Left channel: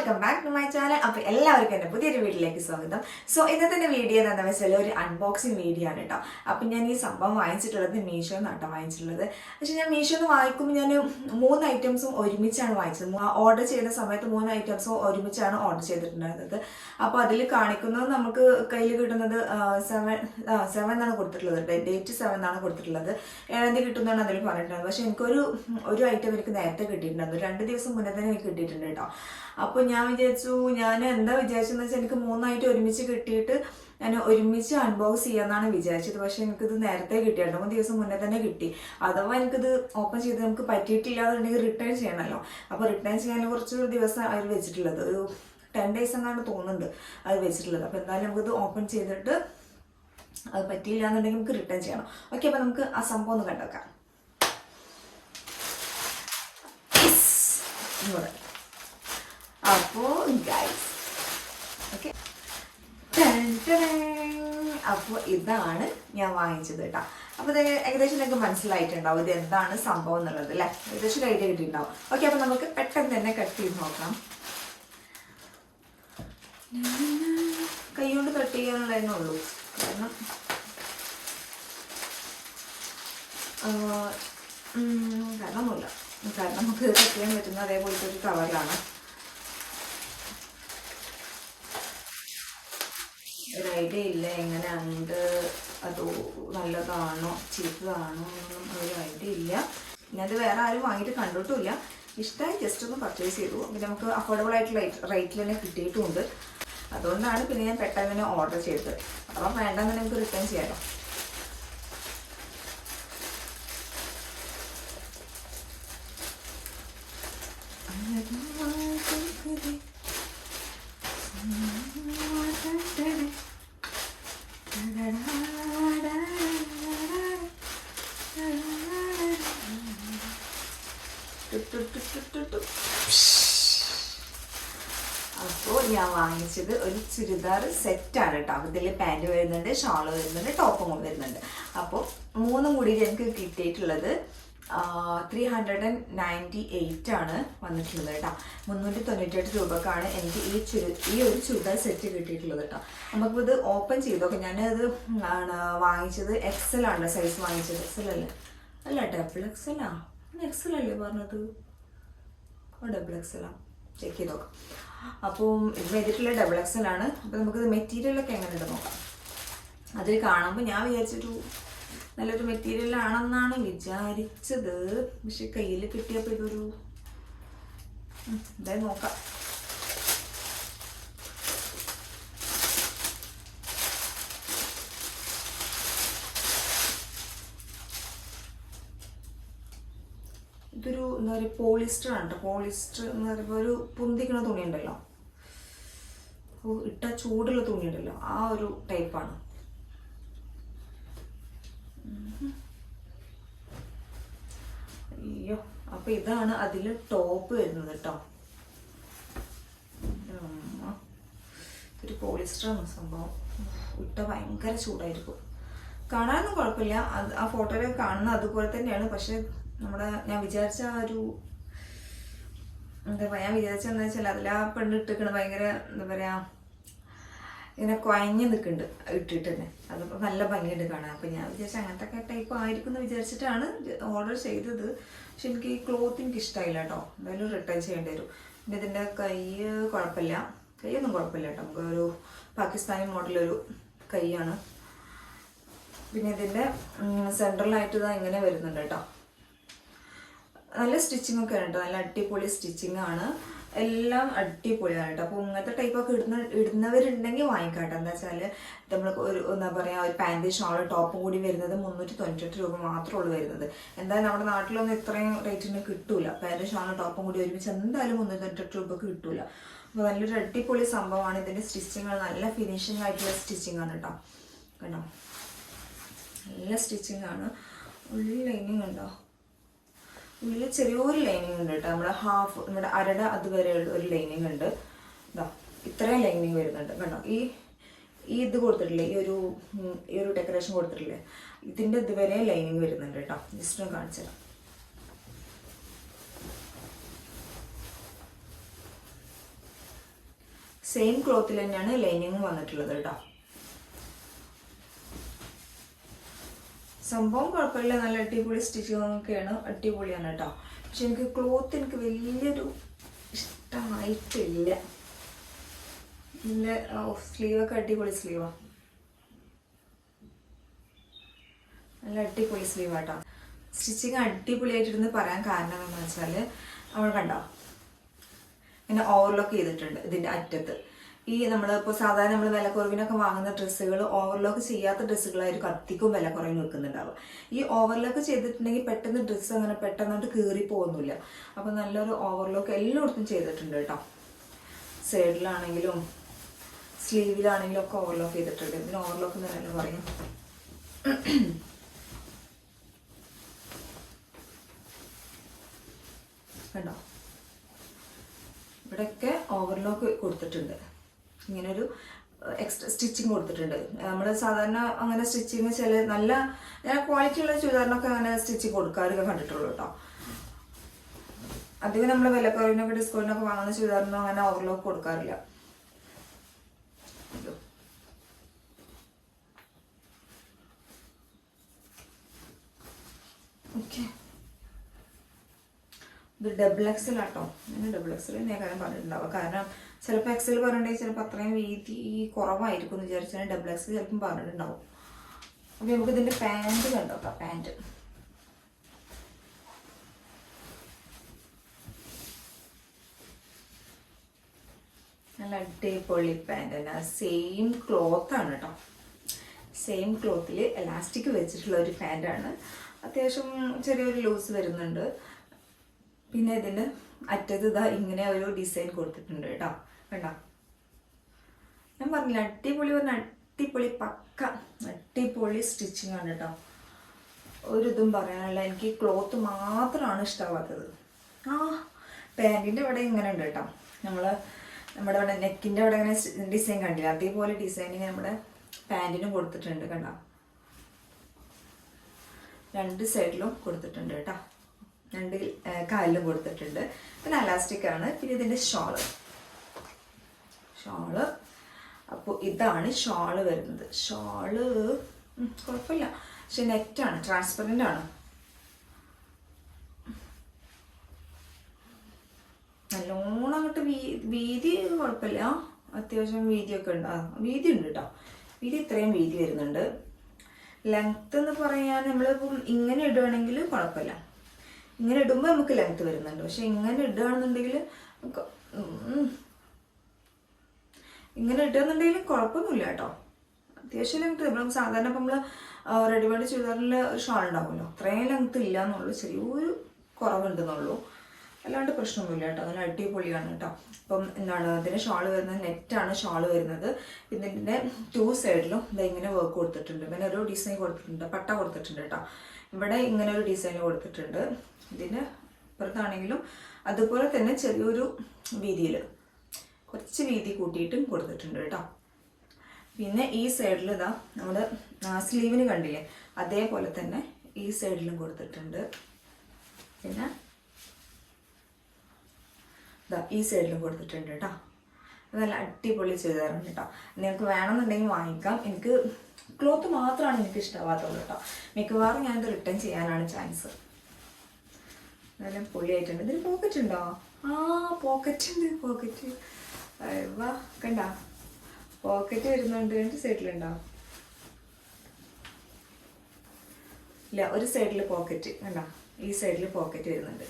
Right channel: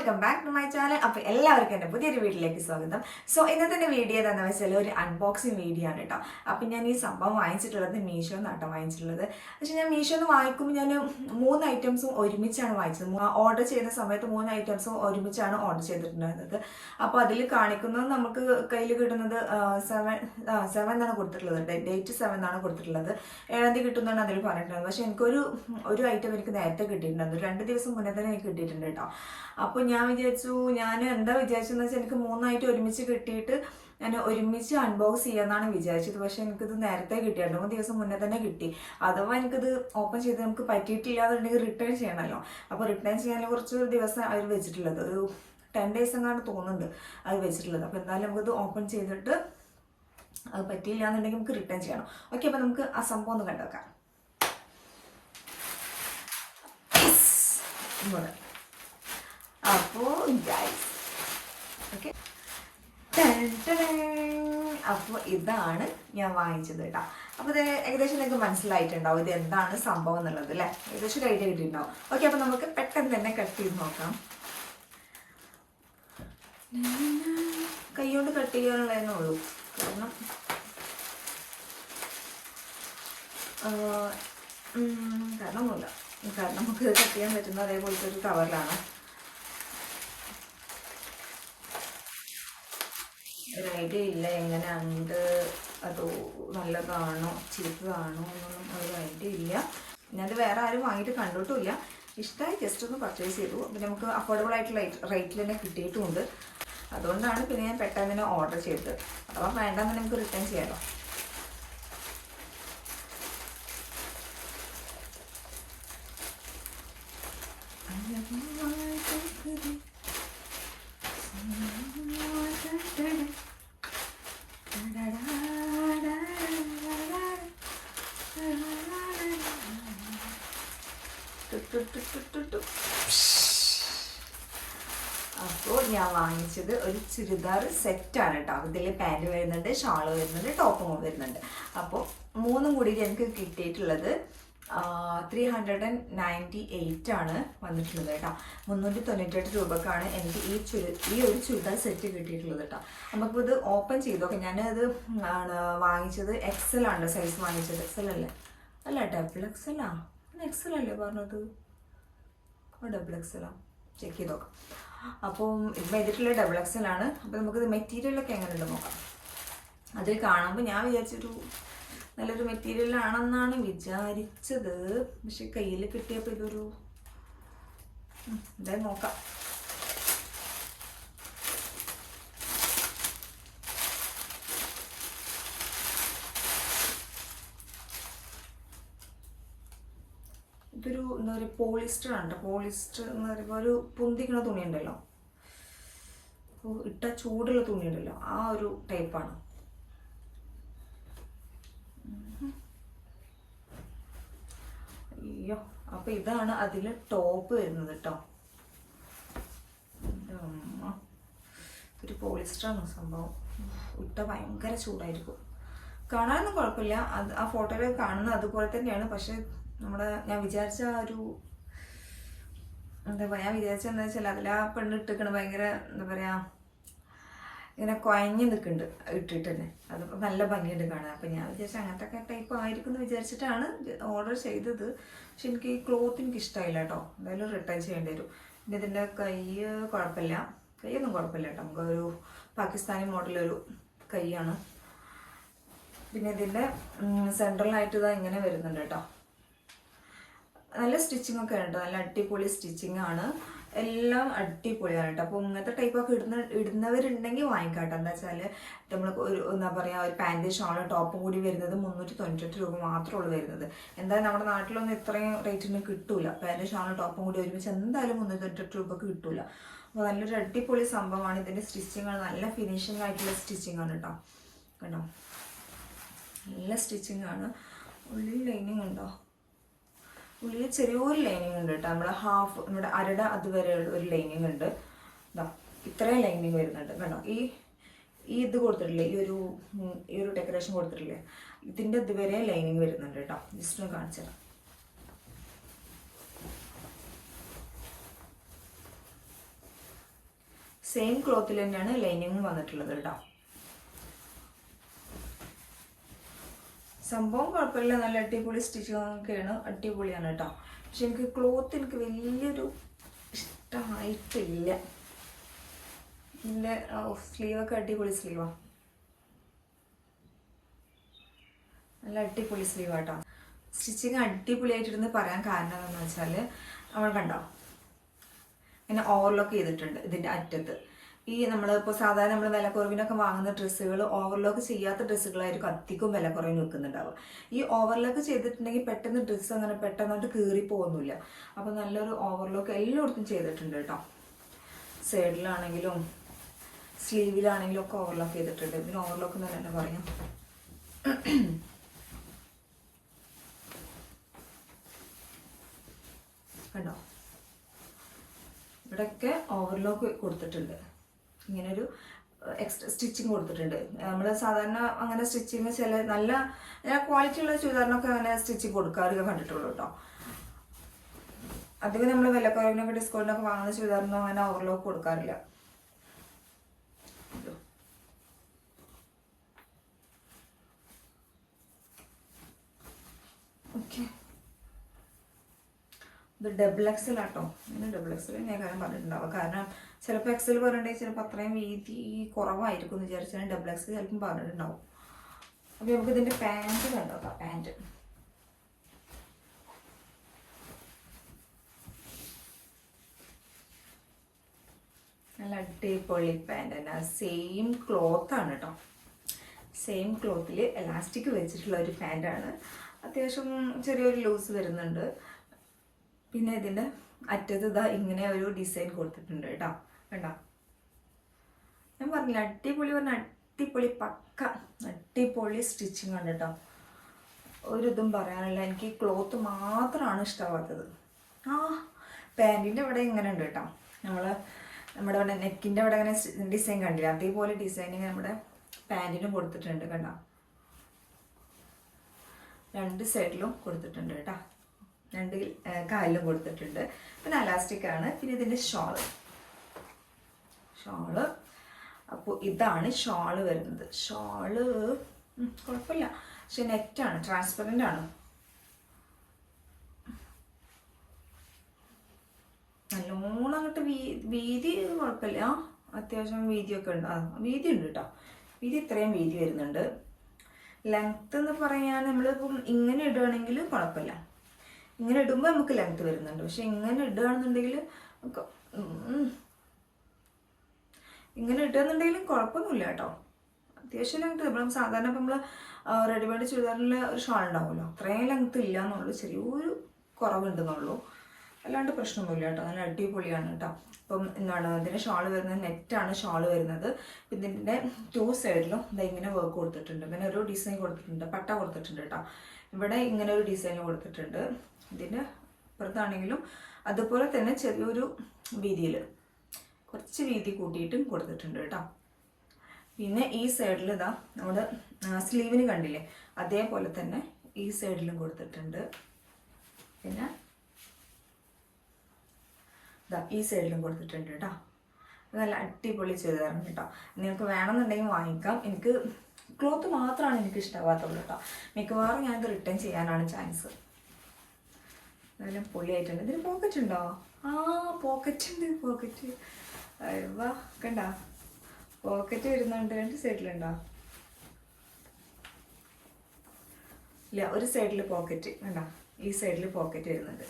Welcome back to my channel അപ്പോൾ എല്ലാവർക്കും എന്റെ പുതിയൊരു വീട്ടിലേക്ക് സ്വാഗതം. സോ ഇന്നത്തെ വീഡിയോ എന്താണെന്ന് വെച്ചാൽ ഒരു അൺബോക്സിങ് വീഡിയോ ആണ് കേട്ടോ അപ്പം ഞാൻ ഈ സംഭവം വാങ്ങിച്ചിട്ടുള്ളത് മീഷോ എന്നാണ് വാങ്ങിച്ചിട്ടുള്ളത്. പക്ഷേ ഞാൻ മീഷോ എന്ന് വാങ്ങിക്കുമ്പോൾ ഞാൻ മൂന്ന് ഐറ്റംസും ഒരുമിച്ചാണ് വാങ്ങിച്ചത്. ഓർഡർ ചെയ്യുന്ന സമയത്ത് മൂന്ന് ഐറ്റംസും ഒരുമിച്ചാണ് ഓർഡർ ചെയ്തിട്ടുണ്ടായിരുന്നത്. അപ്പോൾ അതിൽ കാണിക്കുന്നത് നമുക്ക് കയ്യിൽ കിട്ടുന്നത് സെവൻ സെവൻ എന്നാണ് കൊടുത്തിട്ടുള്ളത് ഡേറ്റ് സെവൻ എന്നാണ് കൊടുത്തിട്ടുള്ളത്. ഏഴാം തീയതി കിട്ടുന്നതാണ് അതിൽ പറഞ്ഞിട്ടുണ്ടായിരുന്നത് പക്ഷേ എനിക്കൊരു ഒരു ഐറ്റം എനിക്ക് നേരത്തെ കിട്ടിയിട്ടുണ്ടായിരുന്നു. രണ്ട് ദിവസം മുന്നേ തന്നെ എനിക്ക് കിട്ടിയിട്ടുണ്ട് കേട്ടോ അപ്പോൾ ഞാൻ വിചാരിച്ചു ഞാൻ എന്താ വിചാരിച്ചതെന്ന് വെച്ചാൽ എനിക്ക് മൂന്നായിട്ട് ഒരുമിച്ച് കിട്ടിയിട്ട് ഞാൻ ഒരുമിച്ച് അൺബോക്സ് ചെയ്യാമെന്നാണ് വിചാരിച്ചത്. പക്ഷേ എനിക്കിത് നേരത്തെ കിട്ടി. രണ്ട് മൂന്ന് ദിവസം മുന്നേ തന്നെ കിട്ടി. അഥവാ എനിക്കിത് ഓപ്പൺ ചെയ്ത് നമുക്ക് പറ്റിയിട്ടില്ല എന്നുണ്ടെങ്കിൽ റിട്ടേൺ ചെയ്യണമല്ലോ അപ്പോൾ റിട്ടേൺ ചെയ്യാൻ കുറച്ച് ദിവസം അവർ വെച്ചിട്ടുള്ളത്. ഒരു ടെൻ ഡേയ്സ് എന്നാണ് തോന്നുന്നുണ്ട് അത് വെച്ചിട്ടുള്ളത്. അപ്പോൾ എന്തായാലും നമുക്കിത് ഓപ്പൺ ചെയ്തിട്ട് അത് പറ്റിയില്ല എന്നുണ്ടെങ്കിൽ നമുക്ക് റിട്ടേൺ ചെയ്യണം. ഓക്കെ അപ്പോൾ നമുക്ക് ആ സംഭവം ഒന്ന് കണ്ടുവെക്കാം ഇവിടെ അപ്പോൾ ഗൈസ് ഓക്കെ അപ്പോൾ ഇതാണ് ഞാൻ വാങ്ങിച്ചത് കേട്ടോ അപ്പോൾ ഇത് ഏകദേശം നിങ്ങൾക്ക് മനസ്സിലായിട്ടുണ്ടാവും ഇത് എന്താണ് സംഭവം എന്നുള്ളത് അല്ലേ ഏകദേശം ഐഡിയ കിട്ടിയിട്ടുണ്ടാവും. ഓക്കെ അപ്പോൾ നമുക്ക് പെട്ടെന്ന് തന്നെ കട്ട് ചെയ്ത് നോക്കാം. കൈ കൊണ്ട് കട്ട് ചെയ്യാനുള്ളതെന്നേ ഉള്ളൂ. കാരണം കാരണമൊന്നുമില്ല. കാരണം നമുക്ക് കട്ട് ചെയ്യാൻ പറ്റുന്ന അതേപോലത്തെ ഒരു കവറിലാണ് ഒരു ഐഡിയ ഇല്ല എങ്ങനെയുണ്ട് അത് നല്ലതാണോ ചീത്തതാണോ എന്നൊന്നും ഒരു ഐഡിയ ഇല്ല. പിന്നെ അത് വേറെ ആരും വാങ്ങിയിട്ട് കണ്ടിട്ടുമില്ല. ഇഷ്ടമായി ജസ്റ്റ് ഒന്ന് പർച്ചേസ് ചെയ്തു. പിന്നെ നമുക്ക് അഫോർഡബിൾ ആയിട്ടുള്ള റേറ്റിൽ തന്നെ കിട്ടിയിട്ടുമുണ്ട് അതുകൊണ്ടാണ് പിന്നെ ഞാൻ പെട്ടെന്ന് തന്നെ ഓർഡർ ചെയ്തത്. അഥവാ വേണ്ടെന്ന് നമുക്ക് റിട്ടേൺ ചെയ്യാമല്ലോ അപ്പോൾ ഞാൻ വാങ്ങിച്ചത് ഒരു ചുരിദാർ സെറ്റാണ് കേട്ടോ. ഇതിൽ പാന്റ് വരുന്നുണ്ട് ഷാൾ വരുന്നുണ്ട് ടോപ്പും വരുന്നുണ്ട്. അപ്പോൾ മൂന്നും കൂടി എനിക്ക് കിട്ടിയിട്ടുള്ളത് three hundred and ninety eight ആണ് വന്നിട്ടുള്ളത് കേട്ടോ. മുന്നൂറ്റി തൊണ്ണൂറ്റെട്ട് രൂപക്കാണ് എനിക്ക് ഈ ചുരി ഈ ഒരു ചുരിദാർ സെറ്റ് കിട്ടിയിട്ടുള്ളത് കേട്ടോ. നമുക്കിത് ഓപ്പൺ ചെയ്തോക്കെ ഞാനത് ആണ് വാങ്ങിച്ചത് എക്സൽ ആണ് സൈസ് വാങ്ങിച്ചത്. എക്സൽ അല്ലേ? അല്ല ഡബിൾ എക്സൽ ആ? എക്സൽ അല്ലേ പറഞ്ഞത്? ഡബിൾ എക്സൽ ആ. ചെക്ക് ചെയ്ത് നോക്കാം. അപ്പം ഇവിടെ ചെയ്തിട്ടുള്ള ഡബിൾ ആണ്. അപ്പോൾ നമുക്കിത് മെറ്റീരിയലൊക്കെ എങ്ങനെ ഉണ്ട് നോക്കാം. അതിൽ കാണുമ്പോൾ ഞാൻ വിചാരിച്ചൊരു നല്ലൊരു മെറ്റീരിയൽ ആണെന്നാണ് വിചാരിച്ചത്. പക്ഷെ കയ്യിൽ കിട്ടിയപ്പോൾ ഇതൊരു എന്തായാലും നോക്കാം ഇതൊരു എന്താ പറയുക പോളിസ്റ്റർ ആണ് കേട്ടോ പോളിസ്റ്റർ എന്ന് പറയുമ്പോൾ ഒരു പൊന്തിക്കണ തുണി ഉണ്ടല്ലോ. ഇട്ട ചൂടുള്ള തുണി ഉണ്ടല്ലോ. ആ ഒരു ടൈപ്പാണ് അയ്യോ അപ്പൊ ഇതാണ് അതിൽ ടോപ്പ് വരുന്നത് കേട്ടോ ഒരു പോളിസ്റ്ററാണ് സംഭവം. ഇട്ട ഭയങ്കര ചൂടായിരിക്കും. കാണാനൊന്നും കുഴപ്പമില്ല. അത് ആ ഫോട്ടോയിൽ കാണുന്ന അതുപോലെ തന്നെയാണ്. പക്ഷെ നമ്മുടെ ഞാൻ വിചാരിച്ച ആ ഒരു എന്താ പറയുക ഞാൻ വിചാരിച്ച എന്താ വെച്ചാൽ അതിൽ ആ പെണ്ണ് ഇട്ടിരിക്കണ ഭയങ്കര എന്താ പറയാ ഇങ്ങനെ കുഴഞ്ഞ് നിൽക്കുന്നുണ്ട് ഇട്ടിട്ട് തന്നെ അത് നല്ല ഭംഗിയുണ്ട് കാണാൻ. അപ്പം ഞാൻ വിചാരിച്ച അങ്ങനത്തെ ഒക്കെ ടൈപ്പ് ആയിരിക്കും എന്ന് വിചാരിച്ചിട്ടാണ് ഓർഡർ ചെയ്തത്. പക്ഷെ എനിക്ക് ഈ ക്ലോത്ത് എനിക്ക് ഇഷ്ടമായില്ല കേട്ടോ എന്തായാലും റിട്ടേൺ ചെയ്യേണ്ടി വരും. പിന്നെ ഇതിന്റെ കൈ കുഴപ്പമില്ല കൈയൊന്നും കുഴപ്പമില്ല കേട്ടോ നമുക്ക് ഒരു പാകിസ്ഥാനി മോഡലൊരു കൈയാണ് പിന്നെ ഇതിന്റെ സെൻട്രലായിട്ട് ഇതാ ഇങ്ങനെ വരുന്നുണ്ട് കേട്ടോ നല്ല സ്റ്റിച്ചിങ് ഒക്കെ ഉണ്ട് നല്ല അടിപൊളി സ്റ്റിച്ചിങ് ആണ്. എല്ലാം അടിപൊളിയാണ് കേട്ടോ. അപ്പോൾ ഇങ്ങനത്തെ ടൈപ്പൊക്കെ ഇടുന്ന ഇടുന്നവരുണ്ടെങ്കിൽ വാങ്ങിക്കാട്ടോ എന്താ വെച്ചാൽ നമ്മൾ ഒരു എന്താ പറയുക ഒരു പാന്റ് ഷാളോ ടോപ്പും കൂടി വരുന്നത് മുന്നൂറ്റി തൊണ്ണൂറ്റെട്ട് രൂപ മാത്രമേ ഉള്ളൂ വരുന്നത്. എന്തായാലും നമ്മുടെ നാട്ടിലൊന്നും ഇത്രയും റേറ്റിന് കിട്ടൂല. പാന്റ് ഷാളോ ടോപ്പും കൂടി ഒരുമിച്ച് എന്തായാലും മുന്നൂറ്റി തൊണ്ണൂറ്റെട്ട് രൂപക്ക് കിട്ടൂല. അപ്പോൾ നല്ലൊരു അടിപൊളി സംഭവമാണ് ഇതിന്റെ സ്റ്റിച്ചിങ് നല്ല ഫിനിഷിംഗ് ആയിട്ടുള്ള സ്റ്റിച്ചിങ് ആണ് കേട്ടോ. കേട്ടോ നല്ല സ്റ്റിച്ചിങ് ആണ്. ഉള്ളിൽ ലൈനിങ് ഉണ്ടോ? ഉള്ളിൽ ചെറിയൊരു ലൈനിങ് ഉണ്ട് കേട്ടോ നമ്മുടെ ഹാഫ് നമ്മുടെ അരട അതുവരെയുള്ള ഒരു ലൈനിങ് ഉണ്ട്. ഇതാ ഇത്രയും ലൈനിങ് വരുന്നുണ്ട്. കണ്ടോ ഈ ഈ ഇത് കൊടുത്തിട്ടില്ലേ? ഈ ഒരു ഈ ഒരു ഡെക്കറേഷൻ കൊടുത്തിട്ടില്ലേ? ഇതിന്റെ ഇതുവരെ ലൈനിങ് വരുന്നുണ്ട് കേട്ടോ ജസ്റ്റ് ഒന്ന് കാണിച്ചു തരാം. സെയിം ക്ലോത്തിൽ തന്നെയാണ് ലൈനിങ് വന്നിട്ടുള്ളത് കേട്ടോ സംഭവം കുഴപ്പമില്ല. നല്ല അടിപൊളി സ്റ്റിച്ചിങ്ങൊക്കെയാണ് അടിപൊളിയാണ് കേട്ടോ. പക്ഷെ എനിക്ക് ക്ലോത്ത് എനിക്ക് വലിയൊരു ഇഷ്ടമായിട്ടില്ല. സ്ലീവൊക്കെ അടിപൊളി സ്ലീവാണ് നല്ല അടിപൊളി സ്ലീവ് ആട്ടോ സ്റ്റിച്ചിങ് അടിപൊളിയായിട്ടിരുന്ന് പറയാൻ കാരണം എന്താണെന്ന് വെച്ചാൽ അവൾ കണ്ടോ? ഇങ്ങനെ ഓവർലോക്ക് ചെയ്തിട്ടുണ്ട് ഇതിന്റെ അറ്റത്ത്. ഈ നമ്മൾ ഇപ്പോൾ സാധാരണ നമ്മൾ വിലക്കുറവിനൊക്കെ വാങ്ങുന്ന ഡ്രസ്സുകൾ ഓവർലോക്ക് ചെയ്യാത്ത ഡ്രസ്സുകളായിരിക്കും അധികം വിലക്കുറവിന് നിൽക്കുന്നുണ്ടാവുക. ഈ ഓവർലോക്ക് ചെയ്തിട്ടുണ്ടെങ്കിൽ പെട്ടെന്ന് ഡ്രസ്സ് അങ്ങനെ പെട്ടെന്നോട്ട് കീറി പോകുന്നില്ല. അപ്പോൾ നല്ലൊരു ഓവർലോക്ക് എല്ലായിടത്തും ചെയ്തിട്ടുണ്ട് കേട്ടോ. സൈഡിലാണെങ്കിലും സ്ലീവിലാണെങ്കിലും ഒക്കെ ഓവർലോക്ക് ചെയ്തിട്ടുണ്ട്. ഇതിന് ഓവർലോക്ക് എന്ന് തന്നെ പറയാം. കണ്ടോ? ഇവിടെയൊക്കെ ഓവർലോക്ക് കൊടുത്തിട്ടുണ്ട്. ഇങ്ങനൊരു എക്സ്ട്രാ സ്റ്റിച്ചിങ് കൊടുത്തിട്ടുണ്ട്. നമ്മൾ സാധാരണ അങ്ങനെ സ്റ്റിച്ചിങ് ചില നല്ല നല്ല ക്വാളിറ്റി ഉള്ള ചുരിദാറിനൊക്കെ അങ്ങനെ സ്റ്റിച്ചിങ് കൊടുക്കാറൊക്കെ കണ്ടിട്ടുള്ളൂ കേട്ടോ. അധികം നമ്മൾ വിലക്കുറവിനൊക്കെ ഡിസ്കൗണ്ടിനൊക്കെ വാങ്ങുന്ന ചുരിദാറിനൊന്നും അങ്ങനെ ഓവർലോക്ക് കൊടുക്കാറില്ല ഇതോ. ഓക്കെ ഇത് ഡബിൾ എക്സിൽ ആട്ടോ ഞാൻ ഡബിൾ എക്സൽ തന്നെ കാര്യം പറഞ്ഞിട്ടുണ്ടാവുക. കാരണം ചിലപ്പോൾ എക്സൽ പറഞ്ഞിട്ടുണ്ടെങ്കിൽ ചിലപ്പോൾ അത്രയും വീതി കുറവായിരിക്കും എന്ന് വിചാരിച്ചാൽ ഡബിൾ എക്സൽ ചിലപ്പം പറഞ്ഞിട്ടുണ്ടാവും അപ്പോൾ നമുക്ക് ഇതിന്റെ പാന്റ് കണ്ടോക്കാം പാന്റ് നല്ല അടിപൊളി പാന്റ് തന്നെ. സെയിം ക്ലോത്ത് ആണ് കേട്ടോ സെയിം ക്ലോത്തിൽ എലാസ്റ്റിക് വെച്ചിട്ടുള്ള ഒരു പാന്റാണ് അത്യാവശ്യം ചെറിയൊരു ലൂസ് വരുന്നുണ്ട്. പിന്നെ ഇതിന്റെ അറ്റത്ത് ഇതാ ഇങ്ങനെ ഒരു ഡിസൈൻ കൊടുത്തിട്ടുണ്ട് കേട്ടോ. കണ്ടോ? ഞാൻ പറഞ്ഞില്ല അടിപൊളി പറഞ്ഞ അടിപൊളി പക്ക അടിപൊളി സ്റ്റിച്ചിങ് ആണ് കേട്ടോ. ഒരിതും പറയാനുള്ള എനിക്ക് ക്ലോത്ത് മാത്രമാണ് ഇഷ്ടമാവാത്തത്. ആ പാന്റിന്റെ ഇവിടെ ഇങ്ങനെ ഉണ്ട് കേട്ടോ. നമ്മൾ നമ്മുടെ ഇവിടെ നെക്കിന്റെ ഇവിടെ ഇങ്ങനെ ഡിസൈൻ കണ്ടില്ല? അതേപോലെ ഡിസൈനിങ് നമ്മുടെ പാന്റിനും കൊടുത്തിട്ടുണ്ട് കണ്ടോ? രണ്ട് സൈഡിലും കൊടുത്തിട്ടുണ്ട് കേട്ടോ. രണ്ട് കാലിലും കൊടുത്തിട്ടുണ്ട്. പിന്നെ അലാസ്റ്റിക് ആണ്. പിന്നെ ഇതിന്റെ ഷോൾ ഷോൾ അപ്പോൾ ഇതാണ് ഷോൾ വരുന്നത്. ഷോൾ കുഴപ്പമില്ല. പക്ഷെ നെറ്റാണ് ട്രാൻസ്പെറന്റ് ആണ്. നല്ലോണം അങ്ങോട്ട് വീതി കുഴപ്പമില്ല. അത്യാവശ്യം വീതിയൊക്കെ ഉണ്ട്. ആ വീതി ഉണ്ട് കേട്ടോ വീതി ഇത്രയും വീതി വരുന്നുണ്ട്. ലെങ്ത് എന്ന് പറയാൻ നമ്മളിപ്പം ഇങ്ങനെ ഇടുകയാണെങ്കിൽ കുഴപ്പമില്ല. ഇങ്ങനെ ഇടുമ്പോൾ നമുക്ക് ലെങ്ത് വരുന്നുണ്ട്. പക്ഷെ ഇങ്ങനെ ഇടുകയാണെന്നുണ്ടെങ്കിൽ ഇങ്ങനെ ഇട്ടുകയെന്നുണ്ടെങ്കിലും കുഴപ്പമൊന്നുമില്ല കേട്ടോ. അത്യാവശ്യം ലെങ്ത് നമ്മൾ സാധാരണ ഇപ്പം നമ്മൾ റെഡിമെയ്ഡ് ചുരിദാറിൽ ഒരു ഷാൾ ഉണ്ടാവുമല്ലോ. അത്രയും ലെങ്ത് ഇല്ല എന്നുള്ളൂ ചെറിയൊരു കുറവുണ്ടെന്നുള്ളൂ. അല്ലാണ്ട് പ്രശ്നമൊന്നുമില്ല കേട്ടോ. നല്ല അടിപൊളിയാണ് കേട്ടോ. അപ്പം എന്താണ് ഇതിന് ഷാൾ വരുന്നത് നെറ്റാണ് ഷാൾ വരുന്നത്. ഇതിന്റെ ടു സൈഡിലും ഇതാ ഇങ്ങനെ വർക്ക് കൊടുത്തിട്ടുണ്ട്. പിന്നെ ഒരു ഡിസൈൻ കൊടുത്തിട്ടുണ്ട്. പട്ട കൊടുത്തിട്ടുണ്ട് കേട്ടോ. ഇവിടെ ഇങ്ങനെ ഒരു ഡിസൈൻ കൊടുത്തിട്ടുണ്ട്. ഇതിന് അപ്പുറത്താണെങ്കിലും അതുപോലെ തന്നെ ചെറിയൊരു വീതിയിൽ കുറച്ച് വീതി കൂട്ടിയിട്ടും കൊടുത്തിട്ടുണ്ട് കേട്ടോ. പിന്നെ ഈ സൈഡിൽ ഇതാ നമ്മൾ സ്ലീവിന് കണ്ടില്ലേ? അതേപോലെ തന്നെ ഈ സൈഡിലും കൊടുത്തിട്ടുണ്ട്. പിന്നെ ഇതാ ഈ സൈഡിലും കൊടുത്തിട്ടുണ്ട് കേട്ടോ. നല്ല അടിപൊളി ചെയ്തായിരുന്നു കേട്ടോ. നിങ്ങൾക്ക് വേണമെന്നുണ്ടെങ്കിൽ വാങ്ങിക്കാം. എനിക്ക് ക്ലോത്ത് മാത്രമാണ് എനിക്ക് ഇഷ്ടമാവാത്തുള്ളൂ കേട്ടോ. മിക്കവാറും ഞാനിത് റിട്ടേൺ ചെയ്യാനാണ് ചാൻസ് നല്ല പൊളിയായിട്ടുണ്ട്. ഇതിന് പോക്കറ്റ് ഉണ്ടോ? ആ പോക്കറ്റ് ഉണ്ട് പോക്കറ്റ് വാ കണ്ട? പോക്കറ്റ് വരുന്നുണ്ട്. രണ്ട് സൈഡിലുണ്ടോ ഇല്ല ഒരു സൈഡിൽ പോക്കറ്റ് കണ്ട? ഈ സൈഡിൽ പോക്കറ്റ് വരുന്നുണ്ട്.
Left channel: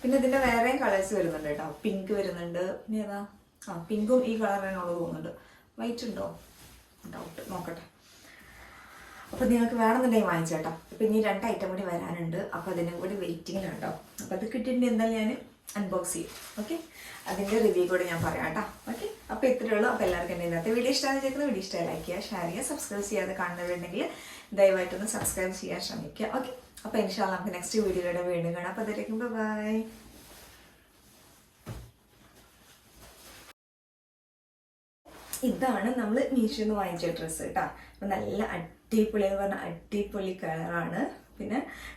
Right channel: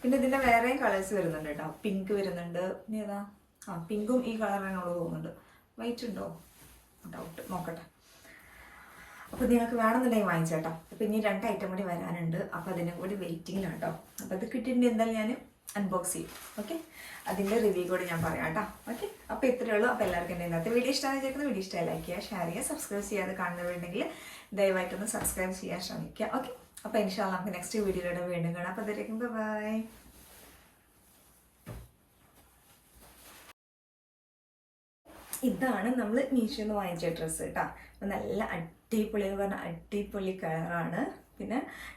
പിന്നെ ഇതിന്റെ വേറെയും കളേഴ്സ് വരുന്നുണ്ട് കേട്ടോ. പിങ്ക് വരുന്നുണ്ട്. പിന്നെ ഏതാ? ആ പിങ്കും ഈ കളർ തന്നെയുള്ളത് തോന്നുന്നുണ്ട്. വൈറ്റ് ഉണ്ടോ? ഡൗട്ട് നോക്കട്ടെ. അപ്പോൾ നിങ്ങൾക്ക് വേണമെന്നുണ്ടെങ്കിൽ വാങ്ങിച്ചേട്ടോ. അപ്പോൾ ഇനി രണ്ട് ഐറ്റം കൂടി വരാനുണ്ട്. അപ്പോൾ അതിനും കൂടി വെയിറ്റിങ്ങിലാണ് കേട്ടോ അപ്പോൾ അത് കിട്ടിയിട്ടുണ്ടെങ്കിൽ എന്തായാലും ഞാൻ അൺബോക്സ് ചെയ്യും. ഓക്കെ അതിന്റെ റിവ്യൂ കൂടി ഞാൻ പറയാം കേട്ടോ ഓക്കെ അപ്പോൾ ഇത്രയേ ഉള്ളൂ. അപ്പോൾ എല്ലാവർക്കും എന്റെ ഇന്നത്തെ വീഡിയോ ഇഷ്ടമായി ചേർക്കുന്ന വീഡിയോ ഇഷ്ടമായി ലൈക്ക് ചെയ്യുക ഷെയർ ചെയ്യുക സബ്സ്ക്രൈബ് ചെയ്യാതെ കാണുന്നവരുണ്ടെങ്കിൽ ദയവായിട്ടൊന്ന് സബ്സ്ക്രൈബ് ചെയ്യാൻ ശ്രമിക്കുക. ഓക്കെ അപ്പോൾ ഇൻഷാല്ല നമുക്ക് നെക്സ്റ്റ് വീഡിയോയിലൂടെ വീണ്ടും കാണാം. അപ്പോൾ അതിലേക്കും ബൈ ഇതാണ് നമ്മൾ മീഷോന്ന് വാങ്ങിച്ച ഡ്രസ്സ് കേട്ടോ അപ്പം നല്ല അടിപൊളി എന്ന് പറഞ്ഞാൽ അടിപൊളി കളറാണ്. പിന്നെ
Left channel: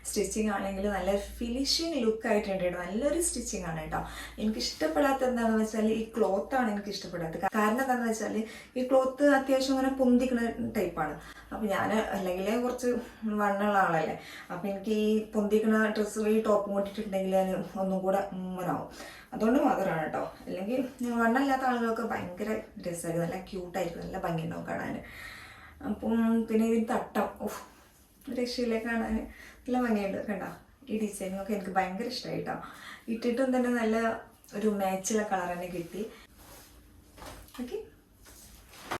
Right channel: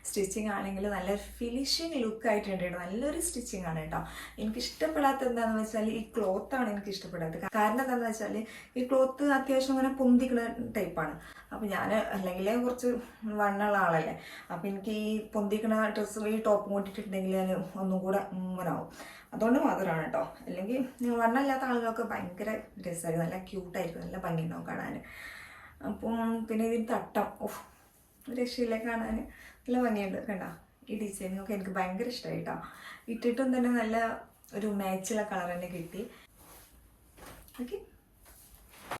സ്റ്റിച്ചിങ് ആണെങ്കിൽ നല്ല ഫിനിഷിങ് ലുക്ക് ആയിട്ടുണ്ട് കേട്ടോ. നല്ലൊരു സ്റ്റിച്ചിങ് ആണ് കേട്ടോ. എനിക്ക് ഇഷ്ടപ്പെടാത്ത എന്താണെന്ന് വെച്ചാൽ ഈ ക്ലോത്ത് ആണ് എനിക്ക് ഇഷ്ടപ്പെടാത്തത്. കാരണം എന്താണെന്ന് വെച്ചാൽ ഈ ക്ലോത്ത് അത്യാവശ്യം ഇങ്ങനെ പൊന്തിക്കുന്ന ടൈപ്പാണ് അപ്പോൾ ഞാൻ അല്ലെങ്കിൽ കുറച്ച് വണ്ണുള്ള ആളല്ലേ. അപ്പോൾ എനിക്ക് ഈ പൊന്തിക്കുന്ന ഡ്രസ്സ് ഈ ടോപ്പും കൊണ്ടിട്ടുണ്ടെങ്കിൽ ഞാൻ ഒന്നും കൂടെ മുമ്പനാവും അതുകൊണ്ട് മാത്രമാണ് കേട്ടോ. അല്ലെങ്കിൽ വണ്ണമില്ലാത്ത ആളുകളൊക്കെ ഭയങ്കര രസമായിരിക്കും നല്ല ക്യൂട്ടായിരിക്കും നല്ല ഭംഗി ഉണ്ടാവും കാണാൻ അപ്പം പിന്നെ ഇതിന് തട്ടം. ഓഹ് രക്ഷയില്ല കാണാൻ. നല്ല ഭംഗിയുണ്ട് കണ്ടോ. ഈ ഡിസൈനും ഒക്കെ എനിക്ക് ഭയങ്കര ഇഷ്ടമായി കേട്ടോ ഇട്ടിട്ടും തന്നെ നല്ല ഒരു മാച്ചുള്ള കളർ തന്നെ കിട്ടി. ഓക്കെ